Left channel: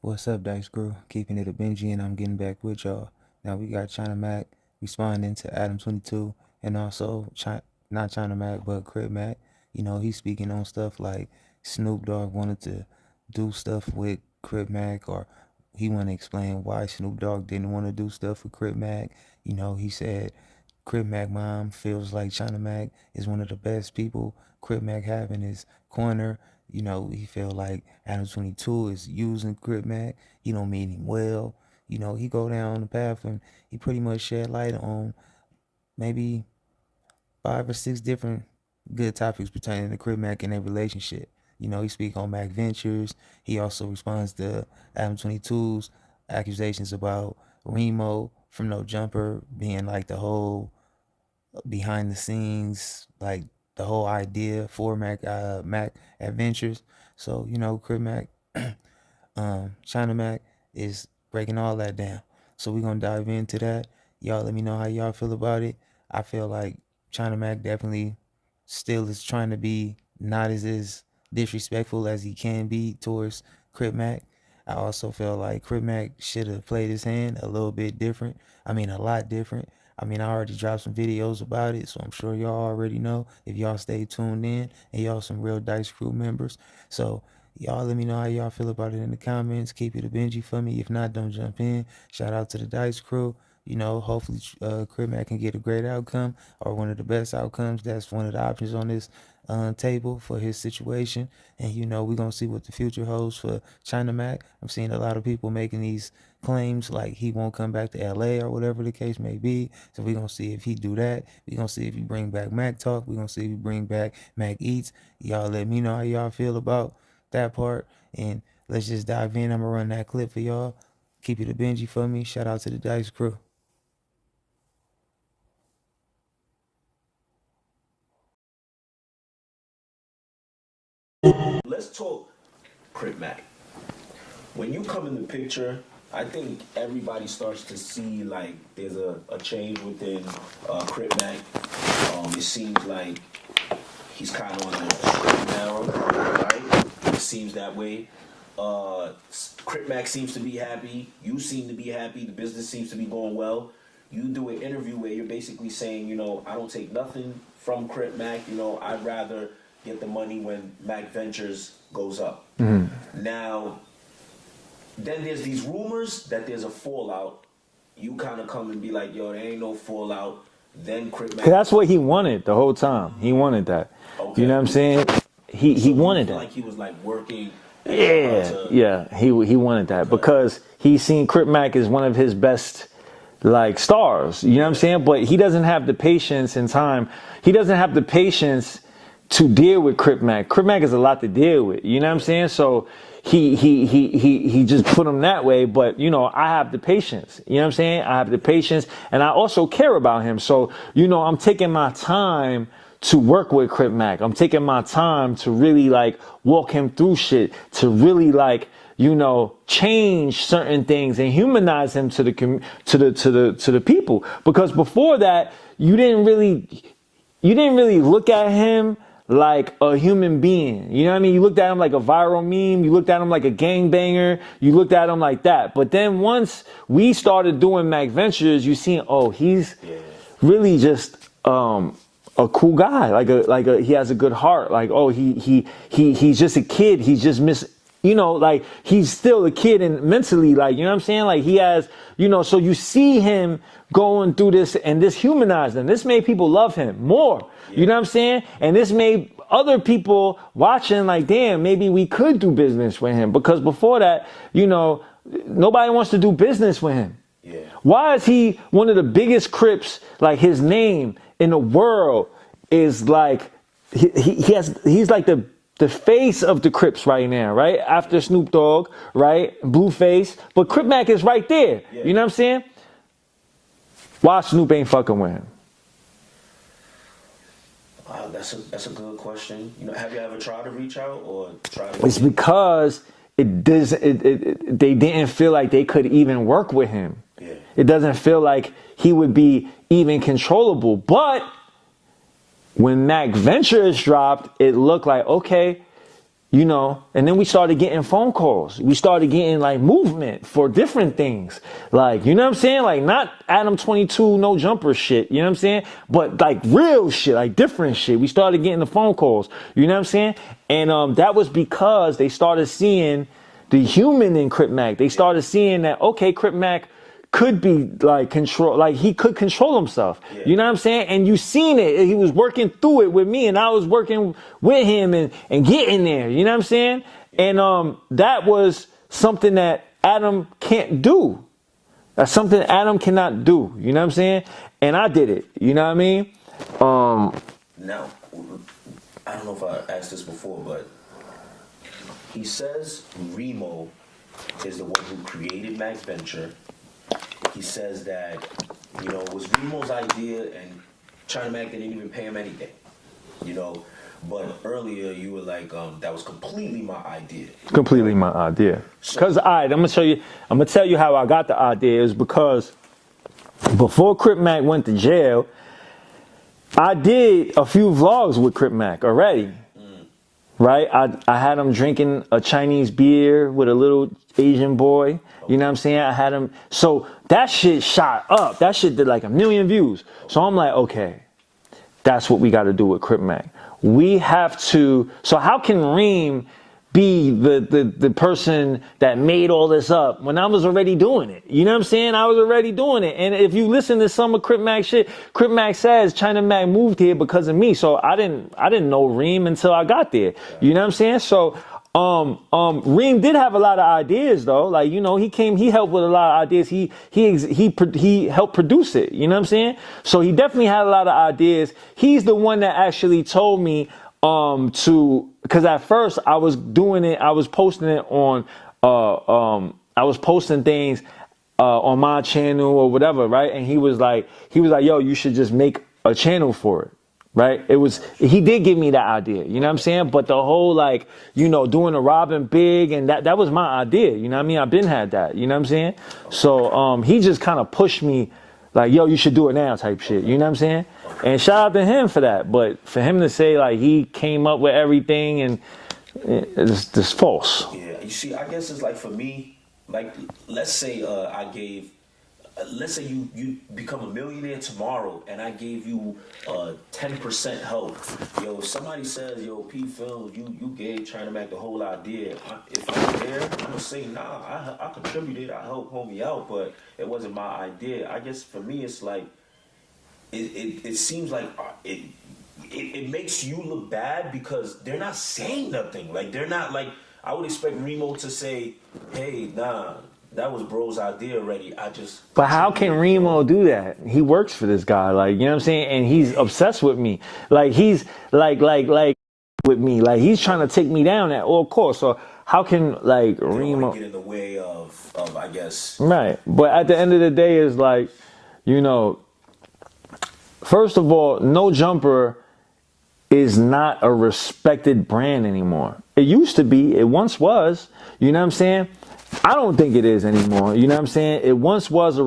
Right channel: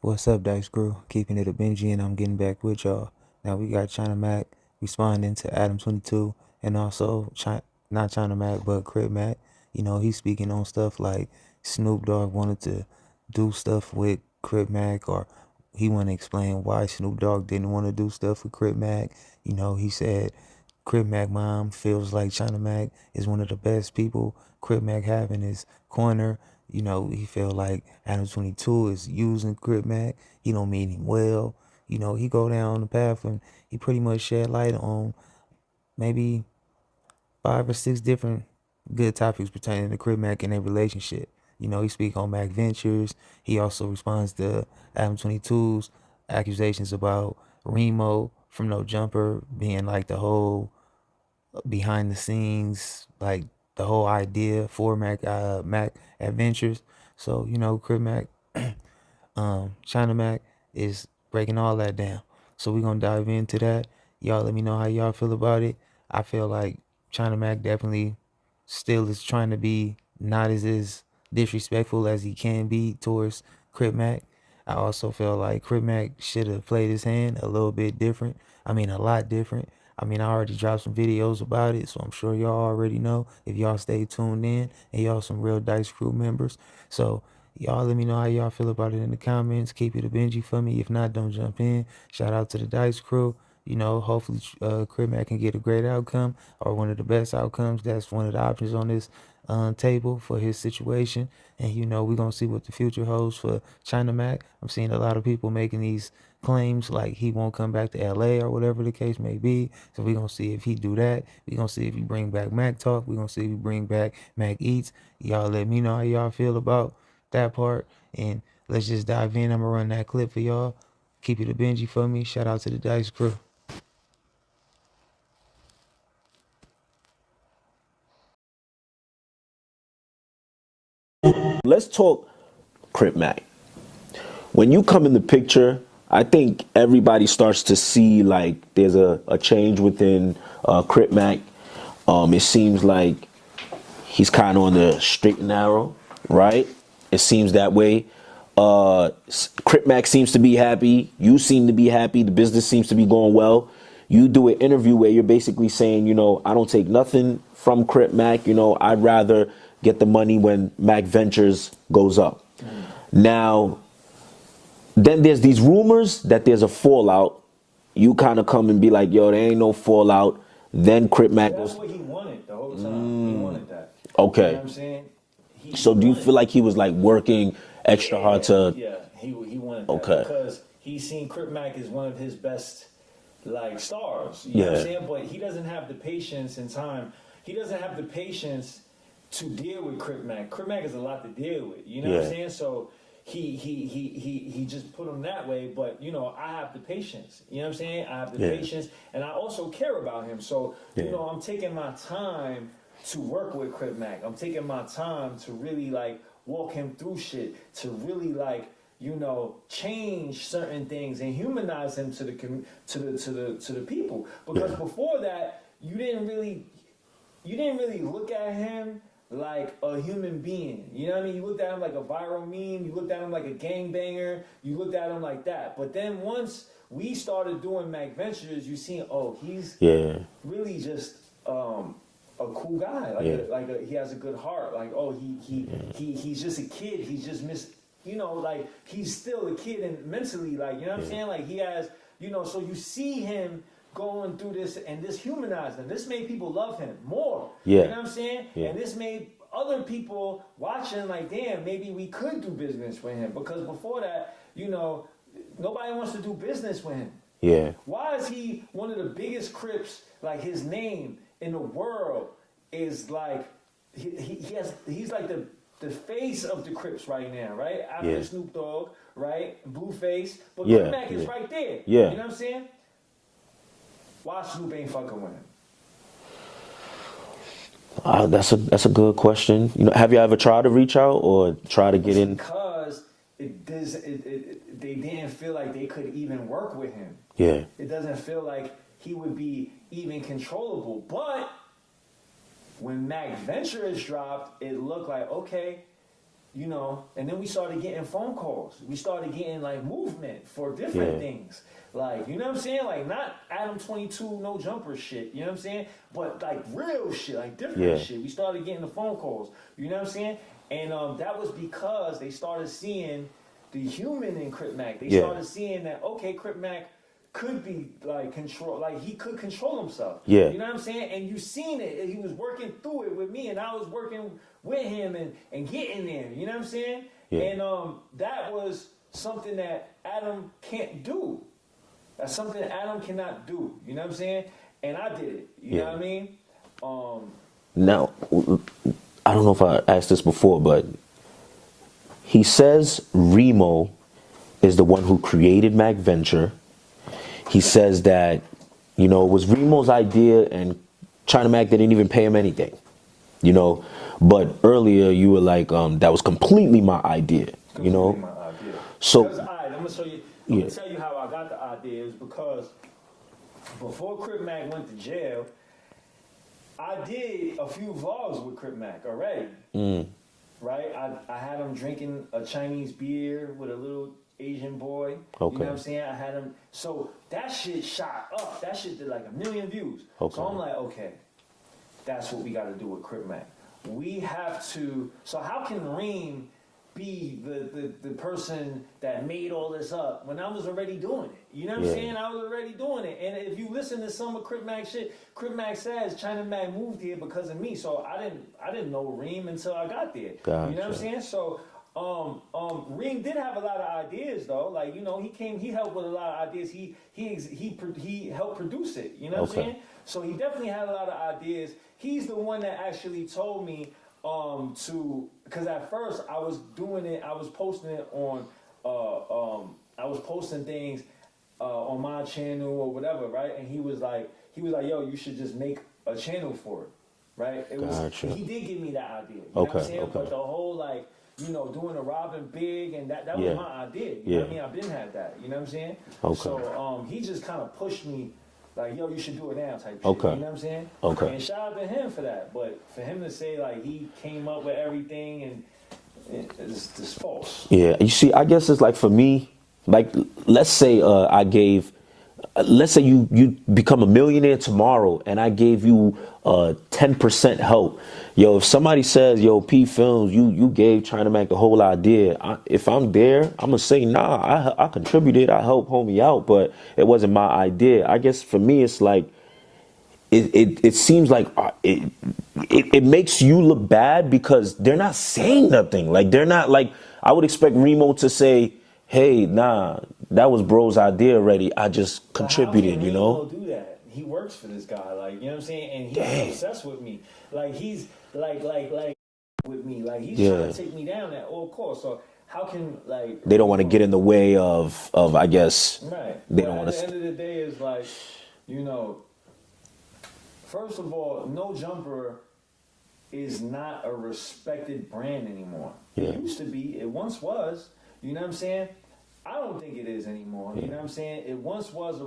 What's up, Dice Crew? Keeping it a Benji, and I'm getting back with y'all. Now we got China Mac responding to Adam 22, and also not China Mac, but Crip Mac. He's speaking on stuff like Snoop Dogg wanted to do stuff with Crip Mac, or he want to explain why Snoop Dogg didn't want to do stuff with Crip Mac. He said Crip Mac mom feels like China Mac is one of the best people Crip Mac have in his corner. He feel like Adam 22 is using Crip Mac. He don't mean him well. He go down the path and he pretty much shed light on maybe 5 or 6 different good topics pertaining to Crip Mac and their relationship. He speak on Mac Ventures. He also responds to Adam 22's accusations about Remo from No Jumper being like the whole behind the scenes, like the whole idea for Mac Adventures. So Crip Mac, China Mac is breaking all that down. So we're gonna dive into that. Y'all let me know how y'all feel about it. I feel like China Mac definitely still is trying to be not as disrespectful as he can be towards Crip Mac. I also feel like Crip Mac should have played his hand a little bit different. I mean, a lot different. I mean, I already dropped some videos about it, so I'm sure y'all already know if y'all stay tuned in and y'all some real Dice Crew members. So y'all let me know how y'all feel about it in the comments. Keep it a Benji for me. If not, don't jump in. Shout out to the Dice Crew. Hopefully Crip Mac can get a great outcome or one of the best outcomes. That's one of the options on this table for his situation. And we're gonna see what the future holds for China Mac. I'm seeing a lot of people making these claims like he won't come back to LA or whatever the case may be. So we're gonna see if he do that. We're gonna see if he bring back Mac Talk. We're gonna see if he bring back Mac Eats. Y'all let me know how y'all feel about that part. And let's just dive in. I'm gonna run that clip for y'all. Keep it a Benji for me. Shout out to the Dice Crew. Let's talk Crip Mac. When you come in the picture, I think everybody starts to see like there's a change within Crip Mac. It seems like he's kind of on the straight and narrow, right? It seems that way. Crip Mac seems to be happy. You seem to be happy. The business seems to be going well. You do an interview where you're basically saying, I don't take nothing from Crip Mac. I'd rather get the money when Mac Ventures goes up. Mm-hmm. Now, then there's these rumors that there's a fallout. You kind of come and be like, yo, there ain't no fallout. Then Crip Mac. That's what he wanted the whole time. He wanted that. Okay. You know what I'm saying? He do wanted you feel like he was like working extra hard to... Yeah, he wanted that because he's seen Crip Mac as one of his best like stars. You know what I'm saying? But he doesn't have the patience and time. He doesn't have the patience to deal with Crip Mac. Crip Mac is a lot to deal with. You know what I'm saying? So he just put him that way, but I have the patience. You know what I'm saying? I have the patience, and I also care about him. So I'm taking my time to work with Crip Mac. I'm taking my time to really like walk him through shit, to really like change certain things and humanize him to the people. Because before that, you didn't really look at him like a human being. You know what I mean? You looked at him like a viral meme. You looked at him like a gangbanger. You looked at him like that. But then once we started doing Mac Ventures, you seen, he's really just a cool guy. He has a good heart. Like, he's just a kid. He's just like he's still a kid and mentally, like, you know what I'm saying? Like he has, so you see him going through this and this humanized him. This made people love him more. Yeah. You know what I'm saying? Yeah. And this made other people watching like, damn, maybe we could do business with him. Because before that, nobody wants to do business with him. Yeah. Why is he one of the biggest Crips? Like his name in the world is like, he's like the face of the Crips right now, right? After Snoop Dogg, right? Blueface. But Crip Mac is right there. Yeah. You know what I'm saying? Why Snoop ain't fucking with him? That's a good question. Have you ever tried to reach out or try to get in? It's because they didn't feel like they could even work with him. Yeah. It doesn't feel like he would be even controllable. But when Mac Ventures dropped, it looked like, okay, you know, and then we started getting phone calls. We started getting like movement for different things. Like, you know what I'm saying? Like not Adam 22, no jumper shit, you know what I'm saying? But like real shit, like different shit. We started getting the phone calls, you know what I'm saying? And that was because they started seeing the human in Crip Mac. They started seeing that, okay, Crip Mac could be like he could control himself. You know what I'm saying? And you seen it. He was working through it with me, and I was working with him and getting there. You know what I'm saying? And that was something that Adam can't do. That's something Adam cannot do. You know what I'm saying? And I did it. You know what I mean? Now, I don't know if I asked this before, but he says Remo is the one who created Mac Venture. He says that, you know, it was Remo's idea and China Mac didn't even pay him anything, you know. But earlier you were like, that was completely my idea. Completely my idea. So, because I'm gonna show you. I'm gonna tell you how I got the idea. Is because before Crip Mac went to jail, I did a few vlogs with Crip Mac already. Right? I had him drinking a Chinese beer with a little Asian boy. You know what I'm saying? I had him. So that shit shot up. That shit did like 1 million views. So I'm like, okay, that's what we got to do with Crip Mac. We have to. So how can Reem be the person that made all this up when I was already doing it? You know what I'm saying? I was already doing it. And if you listen to some of Crip Mac shit, Crip Mac says China Mac moved here because of me. So I didn't know Reem until I got there. You know what I'm saying? So Reem did have a lot of ideas though. Like, you know, he helped with a lot of ideas. He helped produce it. You know what I'm saying? So he definitely had a lot of ideas. He's the one that actually told me because at first I was doing it, I was posting it on I was posting things on my channel or whatever, right? And he was like, yo, you should just make a channel for it. Right? It was, he did give me that idea, you know what I'm saying? But the whole, like, you know, doing a Robin Big and that was my idea, you know what I mean? I've been had that, you know what I'm saying? So he just kind of pushed me like, yo, you should do it now type shit, you know what I'm saying? And shout out to him for that. But for him to say like he came up with everything and it's false. Yeah, you see, I guess it's like for me, like let's say let's say you become a millionaire tomorrow and I gave you 10% help. Yo, if somebody says, yo, P Films, you gave China Mac the whole idea, if I'm there, I'm gonna say, nah, I contributed, I helped homie out, but it wasn't my idea. I guess for me, it's like, it seems like it makes you look bad because they're not saying nothing. Like, they're not like, I would expect Remo to say, hey, nah, that was bro's idea already. I just But how contributed, can Remo do that? He works for this guy, like, you know what I'm saying? And he's obsessed with me. Like, he's like with me. Like, he's trying to take me down at all costs. So how can, like, they don't want to get in the way of I guess. Right. But at the end of the day, it's like, you know, first of all, No Jumper is not a respected brand anymore. It used to be. It once was. You know what I'm saying? I don't think it is anymore. You know what I'm saying? It once was a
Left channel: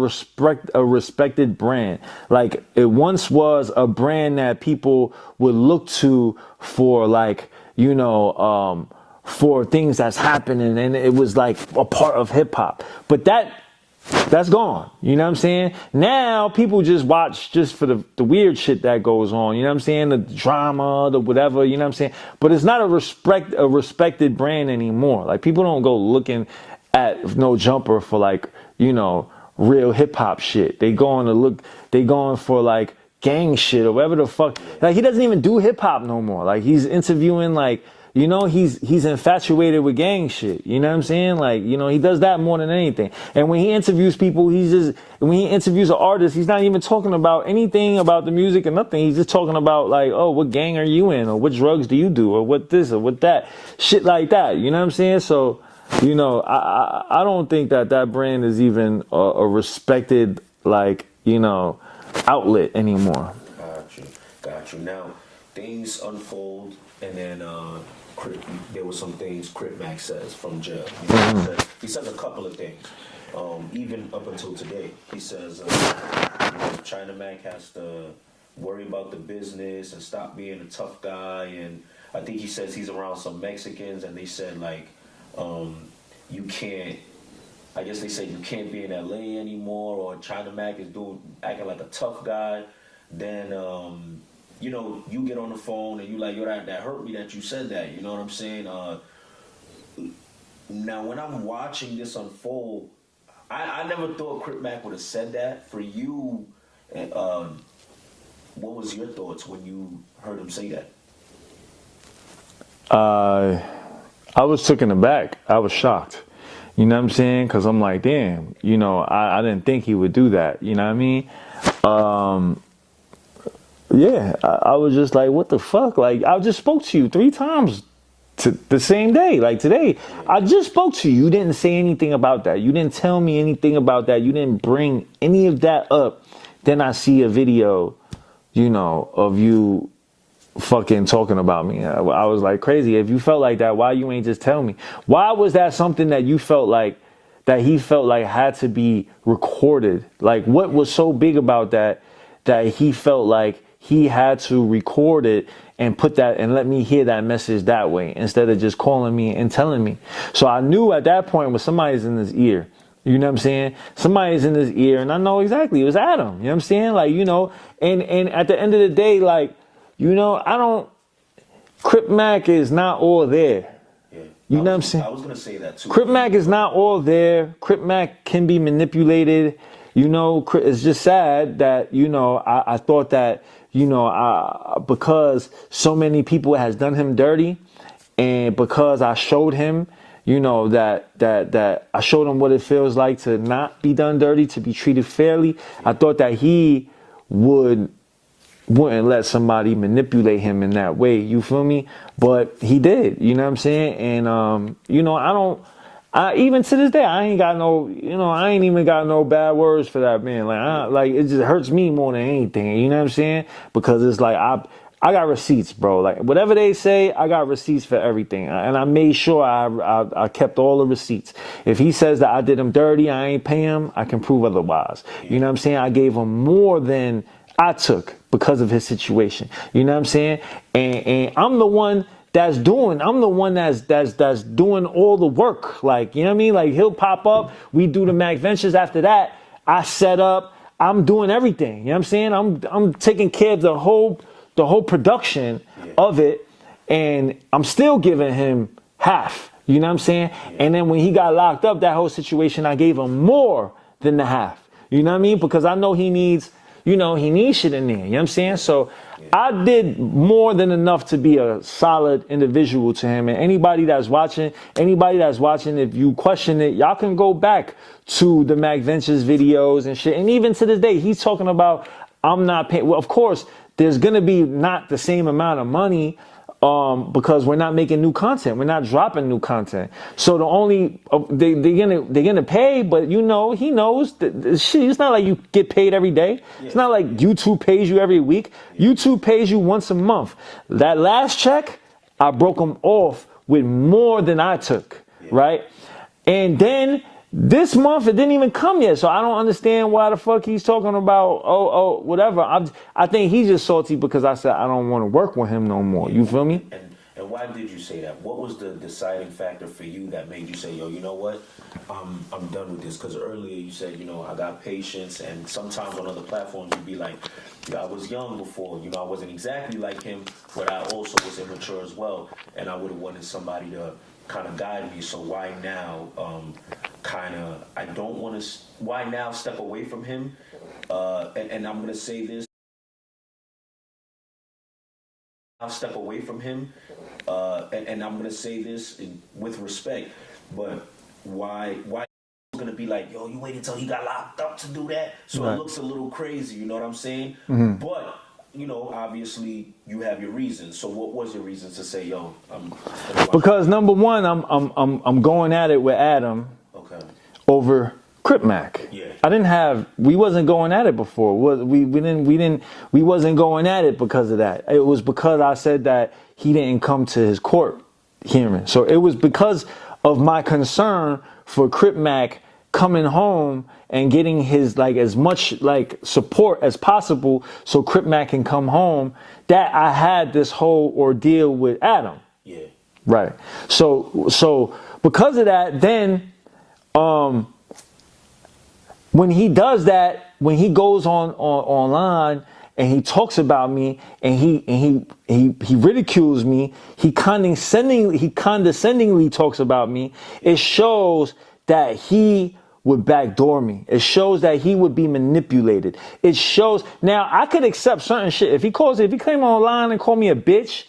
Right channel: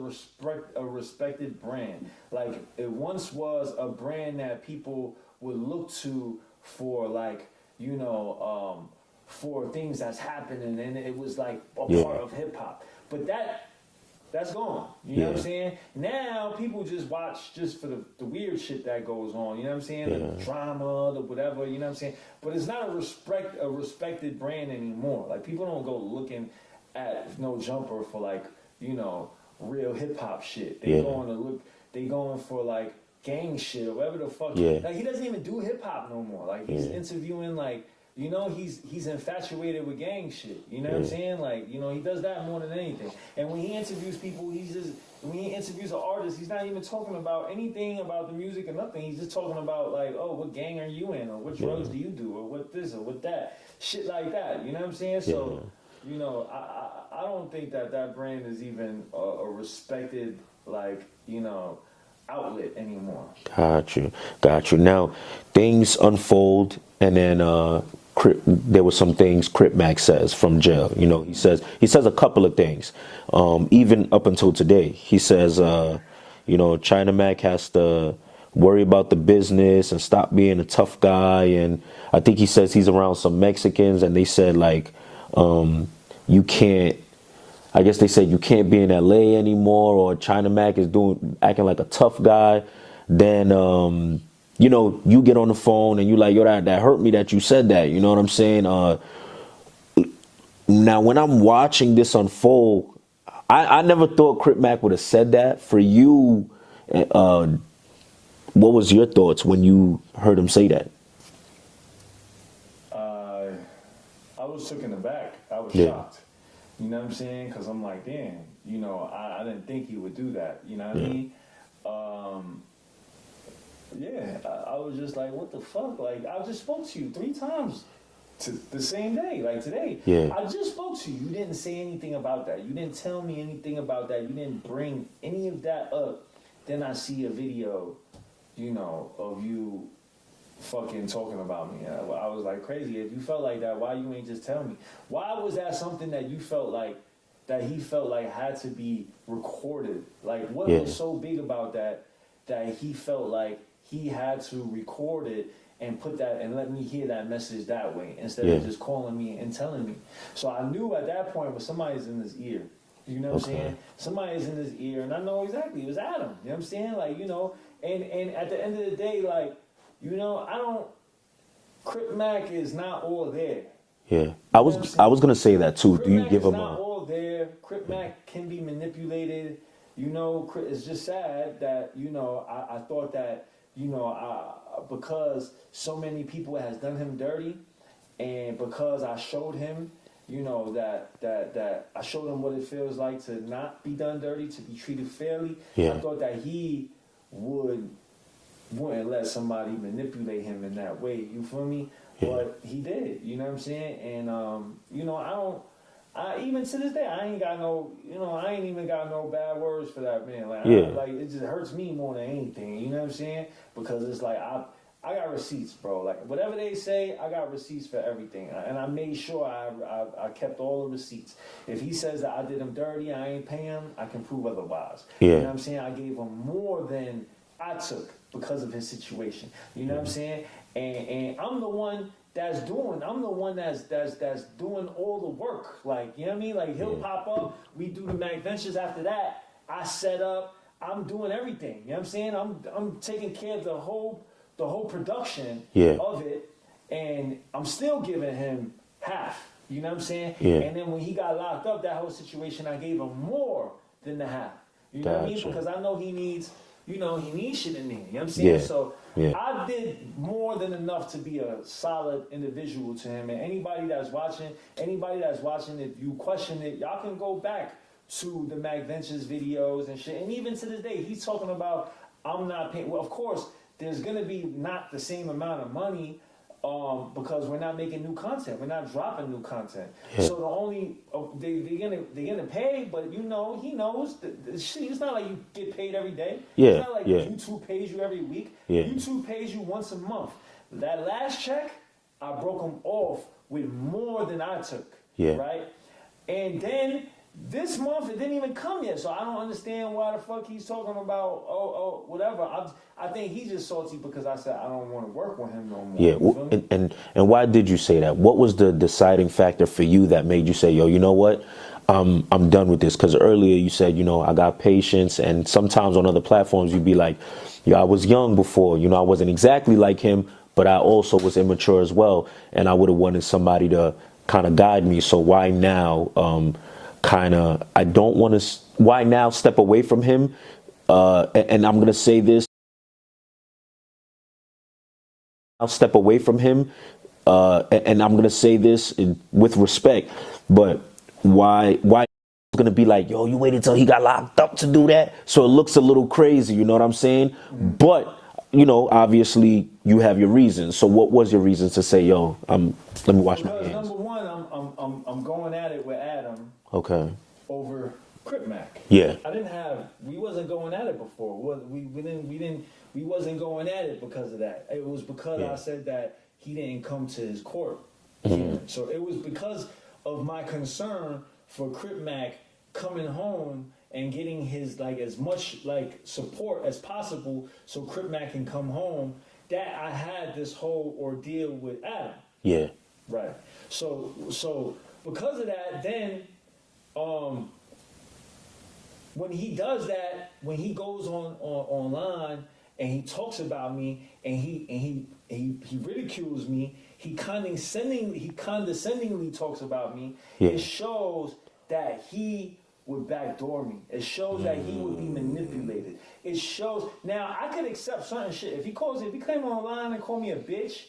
respected brand. Like, it once was a brand that people would look to for, like, you know, for things that's happening, and it was like a part of hip hop. But that's gone. You know what I'm saying? Now people just watch just for the weird shit that goes on. You know what I'm saying? The drama, the whatever. You know what I'm saying? But it's not a respected brand anymore. Like, people don't go looking at No Jumper for, like, you know, real hip hop shit. They going for like gang shit or whatever the fuck. Like, he doesn't even do hip hop no more. Like, he's interviewing, like, you know, he's infatuated with gang shit. You know what I'm saying? Like, you know, he does that more than anything. And when he interviews people, when he interviews an artist, he's not even talking about anything about the music or nothing. He's just talking about, like, oh, what gang are you in? Or what drugs do you do? Or what this or what that. Shit like that. You know what I'm saying? So, you know, I don't think that brand is even a respected, like, you know, outlet anymore. Got you. Now, things unfold, and then there were some things Crip Mac says from jail. You know, he says a couple of things, even up until today. He says, you know, China Mac has to worry about the business and stop being a tough guy, and I think he says he's around some Mexicans, and they said like, you can't. I guess they said you can't be in LA anymore, or China Mac is acting like a tough guy. Then you know, you get on the phone and you like, yo, that hurt me that you said that. You know what I'm saying? Now, when I'm watching this unfold, I never thought Crip Mac would have said that. For you, what was your thoughts when you heard him say that? I was taken aback. I was shocked. You know what I'm saying? Because I'm like, damn, you know, I didn't think he would do that. You know what I mean? Yeah, I was just like, what the fuck? Like, I just spoke to you 3 times the same day, like today. Yeah. I just spoke to you. You didn't say anything about that. You didn't tell me anything about that. You didn't bring any of that up. Then I see a video, you know, of you fucking talking about me. I was like, crazy. If you felt like that, why you ain't just tell me? Why was that something that you felt like, that he felt like had to be recorded? Like, what was so big about that he felt like he had to record it and put that and let me hear that message that way instead of just calling me and telling me? So I knew at that point when somebody's in his ear, you know what I'm saying? Somebody's in his ear, and I know exactly it was Adam. You know what I'm saying? Like, you know, and at the end of the day, like, you know, Crip Mac is not all there. Yeah. You know what I'm saying? I was gonna say that too. Crip Mac is not all there. Crip Mac can be manipulated. You know, it's just sad that, you know, I thought that, you know, because so many people has done him dirty, and because I showed him, you know, that I showed him what it feels like to not be done dirty, to be treated fairly. I thought that he wouldn't let somebody manipulate him in that way. You feel me? But he did. You know what I'm saying? And you know, even to this day, I ain't even got no bad words for that man. Like, like, it just hurts me more than anything. You know what I'm saying? Because it's like, I got receipts, bro. Like, whatever they say, I got receipts for everything. And I made sure I kept all the receipts. If he says that I did him dirty, I ain't pay him, I can prove otherwise. You know what I'm saying? I gave him more than I took because of his situation. You know what I'm saying? And I'm the one that's doing all the work. Like, you know what I mean? Like, he'll pop up, we do the Mac Ventures. After that, I set up, I'm doing everything. You know what I'm saying? I'm taking care of the whole production of it, and I'm still giving him half. You know what I'm saying? And then when he got locked up, that whole situation, I gave him more than the half. You know what I mean? Because I know he needs, you know, he needs shit in there. You know what I'm saying? So I did more than enough to be a solid individual to him. And anybody that's watching, if you question it, y'all can go back to the Mac Ventures videos and shit. And even to this day, he's talking about, I'm not paying. Well, of course, there's going to be not the same amount of money because we're not making new content. We're not dropping new content. So the only they're gonna pay, but you know, he knows that shit. It's not like you get paid every day. It's not like YouTube pays you every week. YouTube pays you once a month. That last check, I broke them off with more than I took. Right, and then this month it didn't even come yet, so I don't understand why the fuck he's talking about whatever. I think he's just salty because I said I don't want to work with him no more. You feel me? And why did you say that? What was the deciding factor for you that made you say, yo, you know what? I'm done with this. Because earlier you said, you know, I got patience, and sometimes on other platforms you'd be like, yeah, I was young before, you know, I wasn't exactly like him, but I also was immature as well, and I would have wanted somebody to kind of guide me. So why now? I don't want to. Why now step away from him? And I'm gonna say this. I'll step away from him, and I'm gonna say this with respect. But why? It's gonna be like, yo, you waited till he got locked up to do that, so it looks a little crazy. You know what I'm saying? But you know, obviously, you have your reasons. So, what was your reasons to say, yo, let me watch? Because number one, I'm going at it with Adam. Okay. Over Crip Mac. We wasn't going at it before. We wasn't going at it because of that. It was because I said that he didn't come to his court hearing. So it was because of my concern for Crip Mac coming home and getting his like as much like support as possible so Crip Mac can come home that I had this whole ordeal with Adam. Yeah. Right. So because of that, then when he does that, when he goes online and he talks about me and he ridicules me, he condescendingly talks about me, it shows that he would backdoor me. It shows that he would be manipulated. It shows, now I could accept certain shit. If he came online and called me a bitch,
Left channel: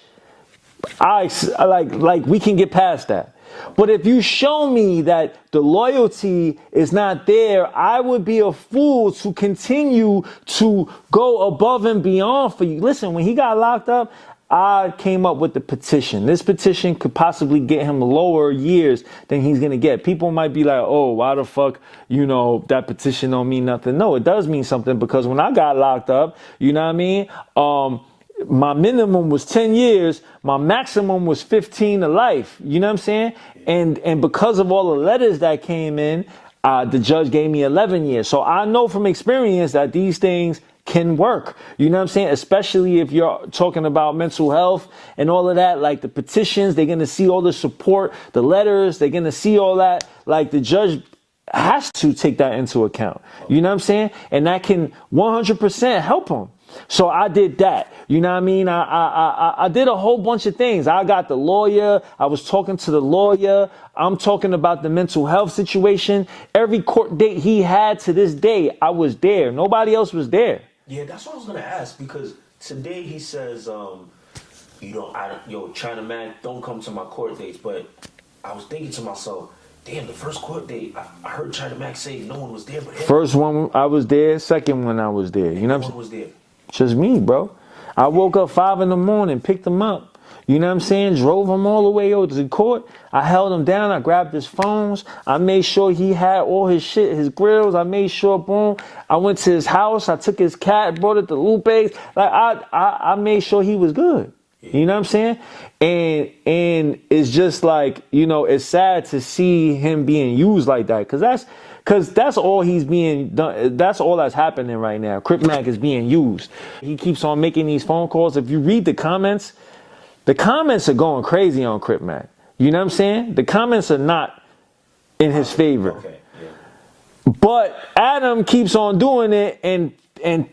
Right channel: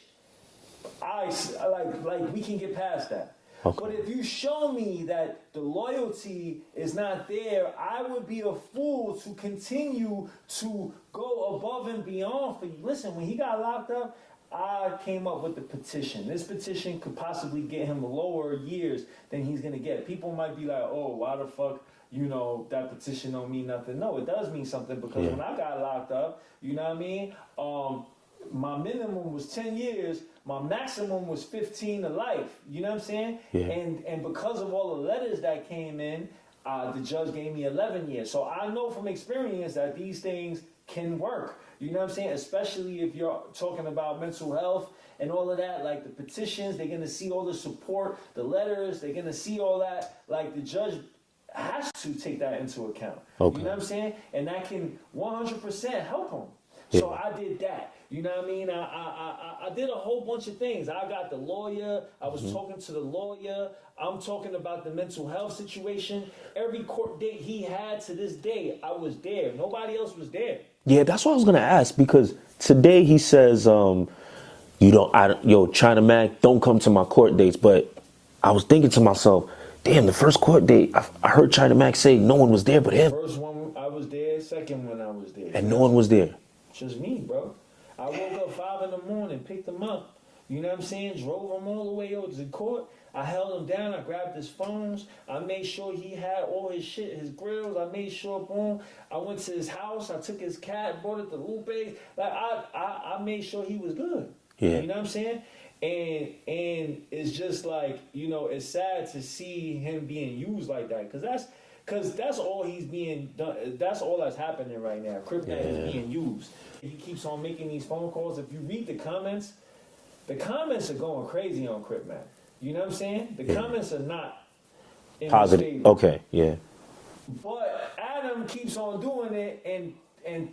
I like we can get past that. Okay. But if you show me that the loyalty is not there, I would be a fool to continue to go above and beyond for you. Listen, when he got locked up, I came up with the petition. This petition could possibly get him lower years than he's going to get. People might be like, oh, why the fuck, that petition don't mean nothing. No, it does mean something, because when I got locked up, you know what I mean? My minimum was 10 years. My maximum was 15 to life. You know what I'm saying? Yeah. And because of all the letters that came in, the judge gave me 11 years. So I know from experience that these things can work. You know what I'm saying? Especially if you're talking about mental health and all of that, like the petitions, they're going to see all the support, the letters, they're going to see all that. Like the judge has to take that into account. Okay. You know what I'm saying? And that can 100% help him. So I did that. You know what I mean? I did a whole bunch of things. I got the lawyer. I was talking to the lawyer. I'm talking about the mental health situation. Every court date he had to this day, I was there. Nobody else was there. Yeah, that's what I was going to ask, because today he says, China Mac, don't come to my court dates. But I was thinking to myself, damn, the first court date, I heard China Mac say no one was there but him. First one I was there, second one I was there. And no one was there. Just me, bro. I woke up 5 a.m, picked him up. You know what I'm saying? Drove him all the way over to the court. I held him down. I grabbed his phones. I made sure he had all his shit, his grills. I made sure, boom. I went to his house. I took his cat, brought it to Lupe's. Like I made sure he was good. Yeah. You know what I'm saying? And it's just like, it's sad to see him being used like that, because that's all he's being done. That's all that's happening right now. Crip Mac is being used. He keeps on making these phone calls. If you read the comments are going crazy on Crip Mac. You know what I'm saying? The comments are not in his favor. Okay, yeah. But Adam keeps on doing it and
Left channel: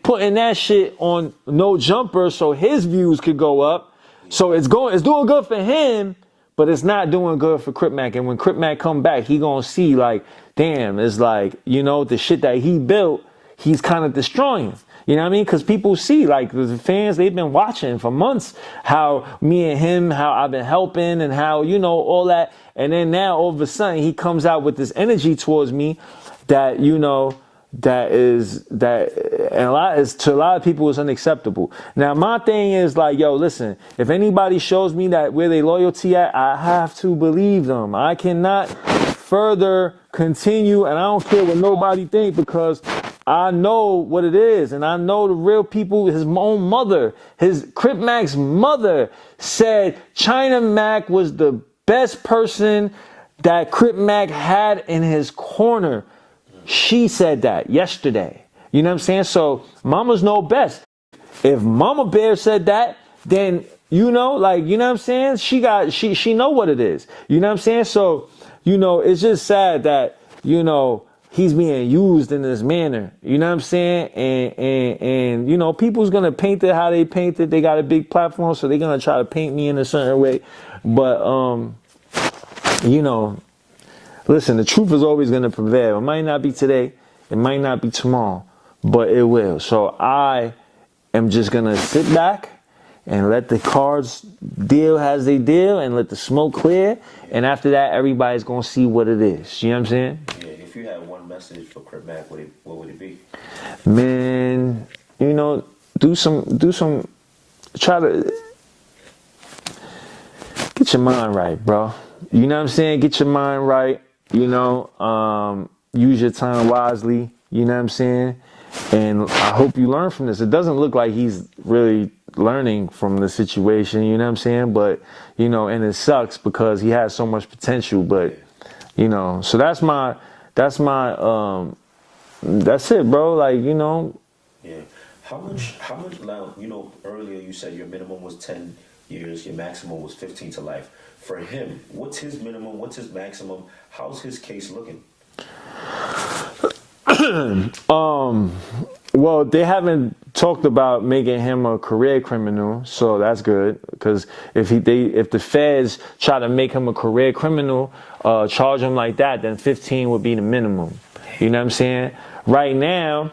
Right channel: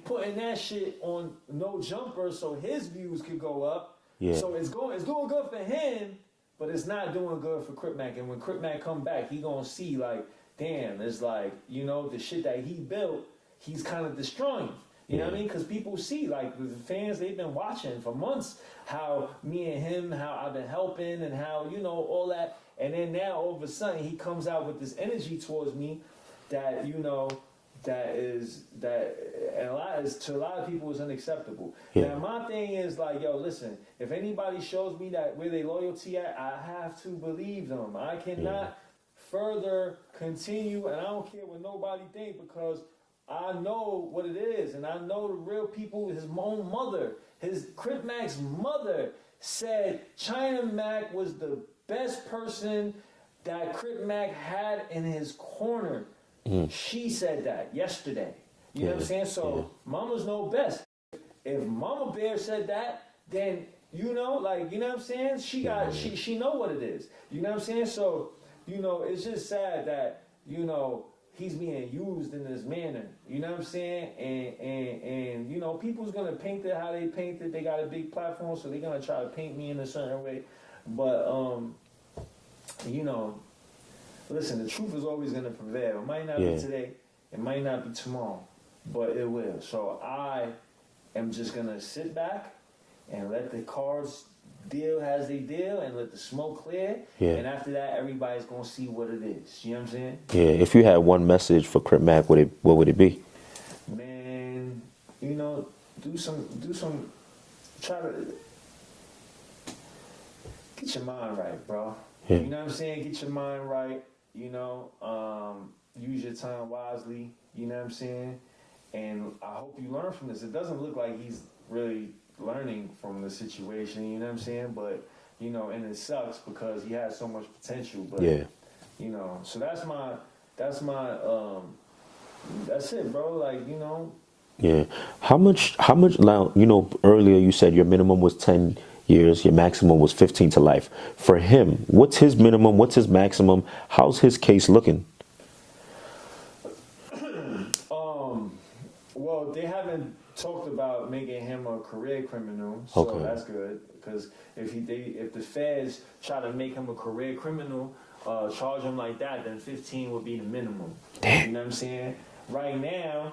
putting that shit on No Jumper so his views could go up. Yeah. So it's doing good for him, but it's not doing good for Crip Mac. And when Crip Mac come back, he gonna see like, damn, it's like, the shit that he built, he's kind of destroying. You know what I mean? Because people see, like, the fans, they've been watching for months how me and him, how I've been helping and how, all that. And then now all of a sudden he comes out with this energy towards me that, to a lot of people is unacceptable. Yeah. Now my thing is like, yo, listen, if anybody shows me that where they loyalty at, I have to believe them. I cannot further continue, and I don't care what nobody think, because I know what it is, and I know the real people. His own mother, his Crip Mac's mother, said China Mac was the best person that Crip Mac had in his corner. She said that yesterday. You know what I'm saying? So mamas know best. If Mama Bear said that, then you know what I'm saying? She know what it is. You know what I'm saying? So, it's just sad that, he's being used in this manner. You know what I'm saying? And people's gonna paint it how they paint it. They got a big platform, so they're gonna try to paint me in a certain way. But listen, the truth is always going to prevail. It might not be today. It might not be tomorrow, but it will. So I am just going to sit back and let the cards deal as they deal and let the smoke clear. Yeah. And after that, everybody's going to see what it is. You know what I'm saying? Yeah. If you had one message for Crip Mac, what would it be? Man, try to get your mind right, bro. Yeah. You know what I'm saying? Get your mind right. Use your time wisely, you know what I'm saying? And I hope you learn from this. It doesn't look like he's really learning from the situation, you know what I'm saying? But, and it sucks because he has so much potential, but, so that's it, bro. Like, Yeah. How much, now, you know, earlier you said your minimum was 10 years, your maximum was 15 to life. For him, what's his minimum? What's his maximum? How's his case looking? Well, they haven't talked about making him a career criminal, so that's good. Because if the feds try to make him a career criminal, charge him like that, then 15 would be the minimum. Damn. You know what I'm saying? Right now,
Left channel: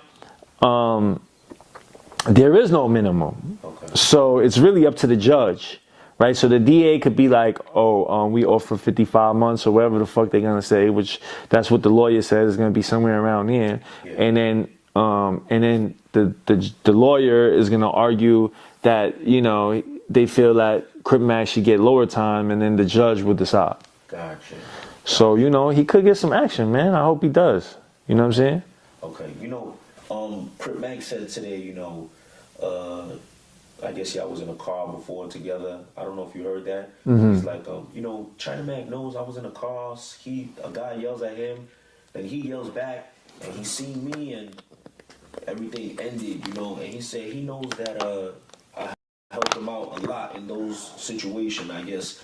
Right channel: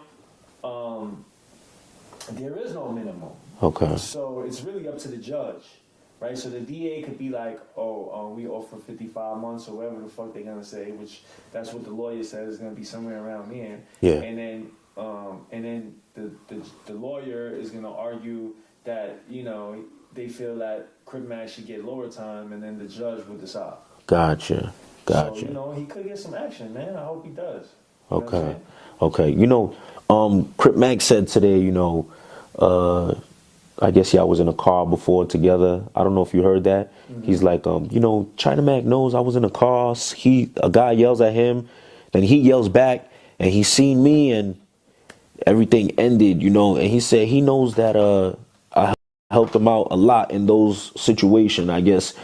there is no minimum. Okay. So it's really up to the judge, right? So the DA could be like, we offer 55 months or whatever the fuck they're gonna say, which that's what the lawyer says is gonna be somewhere around there. Yeah. And then the lawyer is gonna argue that, you know, they feel that Crip Mac should get lower time, and then the judge would decide. Gotcha. So, you know, he could get some action, man. I hope he does. You know what I'm saying? Okay. You know, Crip Mac said today, you know, I guess y'all was in a car before together. I don't know if you heard that. Mm-hmm. He's like, you know, China Mac knows I was in a car. A guy yells at him, then he yells back, and he seen me, and everything ended, you know. And he said he knows that I helped him out a lot in those situations. I guess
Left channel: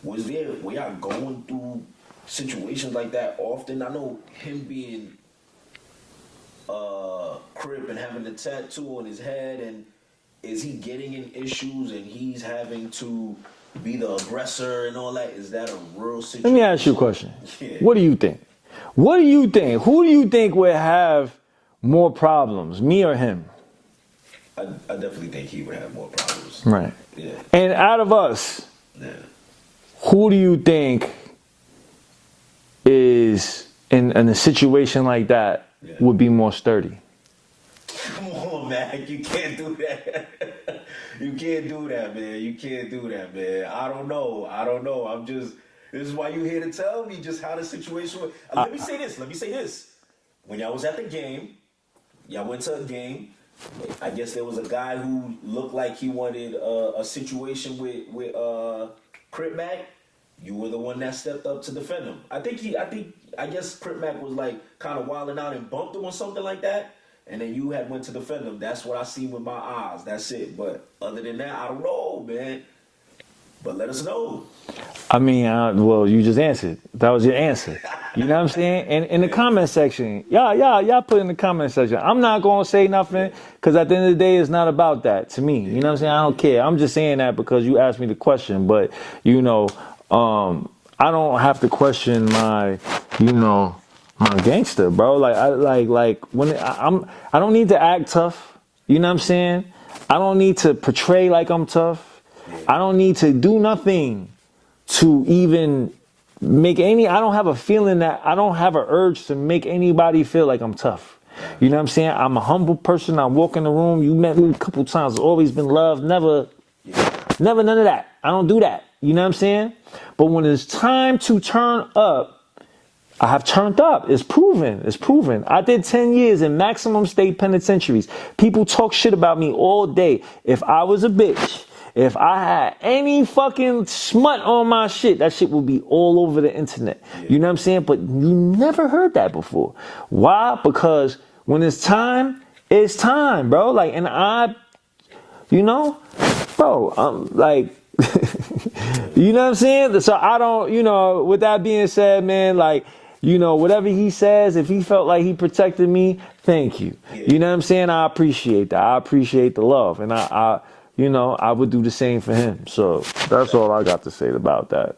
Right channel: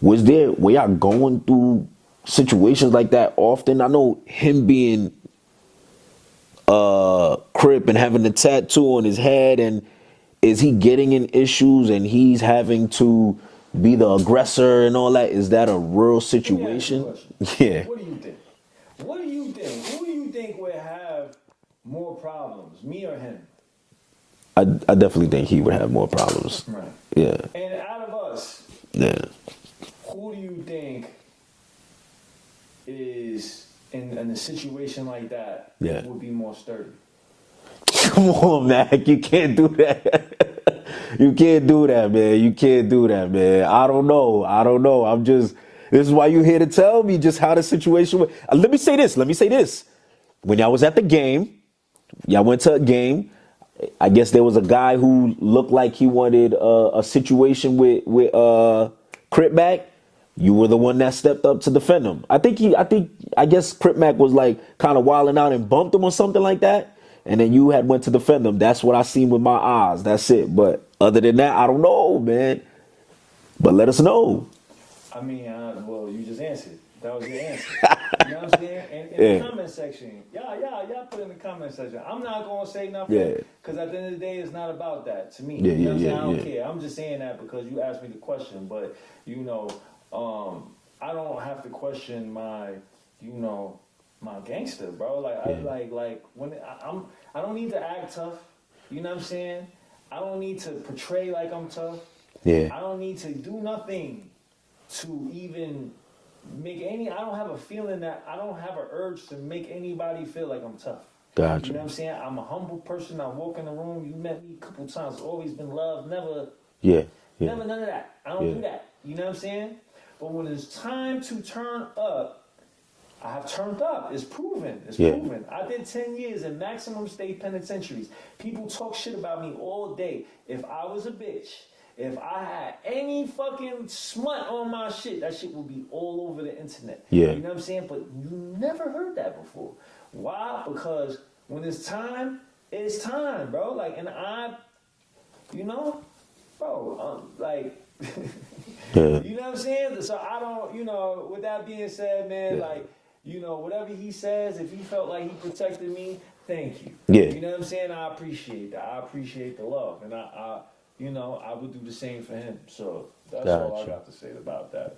were y'all going through situations like that often? I know him being Crip and having the tattoo on his head, and is he getting in issues and he's having to be the aggressor and all that? Is that a real situation? Let me ask you a question. Yeah. What do you think? What do you think? Who do you think would have more problems, me or him? I definitely think he would have more problems. Right. Yeah. And out of us, who do you think is in a situation like that would be more sturdy? Come on, Mac. You can't do that. You can't do that, man. You can't do that, man. I don't know. This is why you're here to tell me just how the situation was. Let me say this. When y'all was at the game, y'all went to a game. I guess there was a guy who looked like he wanted a situation with Crip Mac. You were the one that stepped up to defend him. I guess Crip Mac was like kind of wilding out and bumped him or something like that. And then you had went to defend him. That's what I seen with my eyes. That's it. But other than that, I don't know, man. But let us know. I mean, well, you just answered. That was your answer. You know what I'm saying? And in the comment section, y'all put in the comment section. I'm not going to say nothing because at the end of the day, it's not about that to me. You know what I'm saying? I don't care. I'm just saying that because you asked me the question. But, you know, I don't have to question my gangster, bro. Like I don't need to act tough. You know what I'm saying? I don't need to portray like I'm tough. Yeah. I don't need to do nothing to even make I don't have a feeling that I don't have an urge to make anybody feel like I'm tough. Gotcha. You know what I'm saying? I'm a humble person. I walk in the room. You met me a couple times. It's always been love. Never none of that. I don't do that. You know what I'm saying? But when it's time to turn up, I have turned up. It's proven. It's proven. I did 10 years in maximum state penitentiaries. People talk shit about me all day. If I was a bitch, if I had any fucking smut on my shit, that shit would be all over the internet. Yeah. You know what I'm saying? But you never heard that before. Why? Because when it's time, bro. Like, and bro, I'm like, you know what I'm saying? So I don't, with that being said, man, like, whatever he says, if he felt like he protected me, thank you. Yeah. You know what I'm saying? I appreciate that. I appreciate the love. And I would do the same for him. So that's all I got to say about that.